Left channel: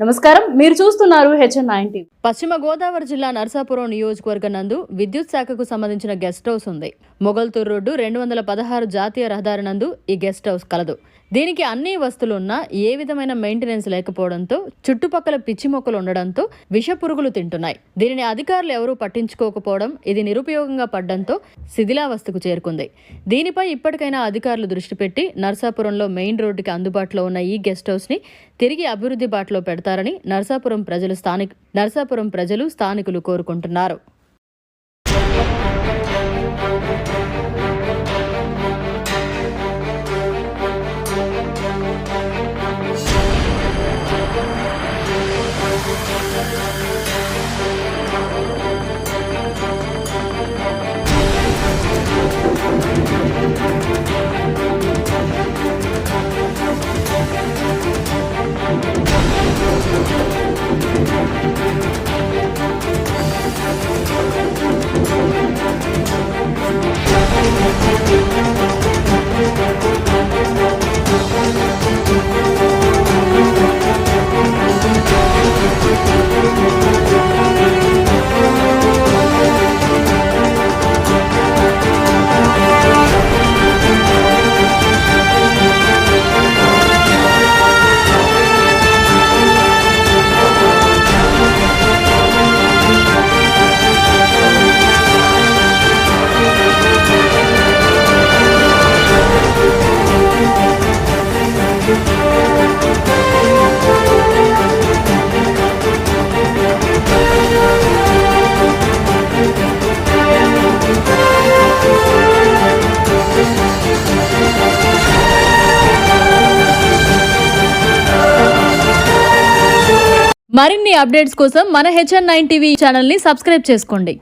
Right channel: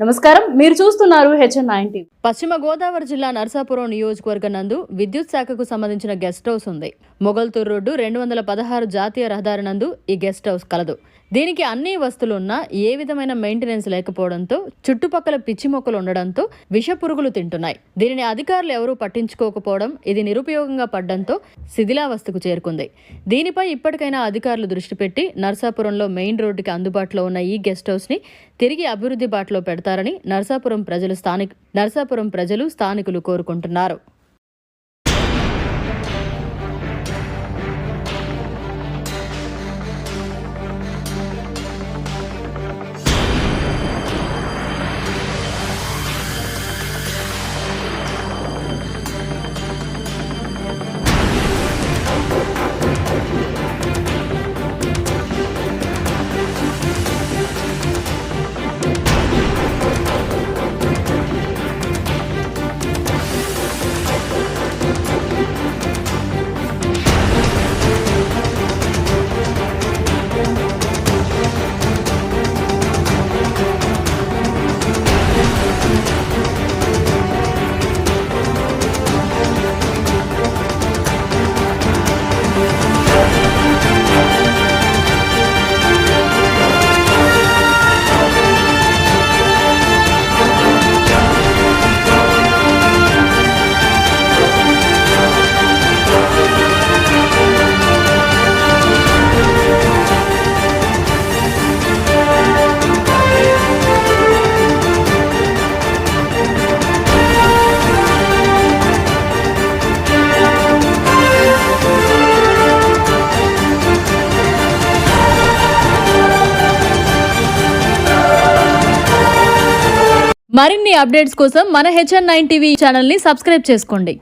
నమస్కారం, మీరు చూస్తున్నారు HN9. పశ్చిమ గోదావరి జిల్లా నర్సాపురం నియోజకవర్గం నందు విద్యుత్ శాఖకు సంబంధించిన గెస్ట్ హౌస్ ఉంది. మొగల్తూరు రోడ్డు 216 జాతీయ రహదారి నందు ఈ గెస్ట్ హౌస్ కలదు. దీనికి అన్ని వస్తువులున్నా ఏ విధమైన మెయింటెనెన్స్ లేకపోవడంతో చుట్టుపక్కల పిచ్చి మొక్కలు ఉండడంతో విష పురుగులు తింటున్నాయి. దీనిని అధికారులు ఎవరూ పట్టించుకోకపోవడం, ఇది నిరుపయోగంగా పడ్డంతో శిథిలావస్థకు చేరుకుంది. దీనిపై ఇప్పటికైనా అధికారులు దృష్టి పెట్టి నర్సాపురంలో మెయిన్ రోడ్డుకి అందుబాటులో ఉన్న ఈ గెస్ట్ హౌస్ ని తిరిగి అభివృద్ధి బాటలో పెడతారని నర్సాపురం ప్రజలు స్థానికులు కోరుకుంటున్నారు. మరిన్ని అప్డేట్స్ కోసం మన HN9 టీవీ ఛానల్ ని సబ్స్క్రైబ్ చేసుకోండి.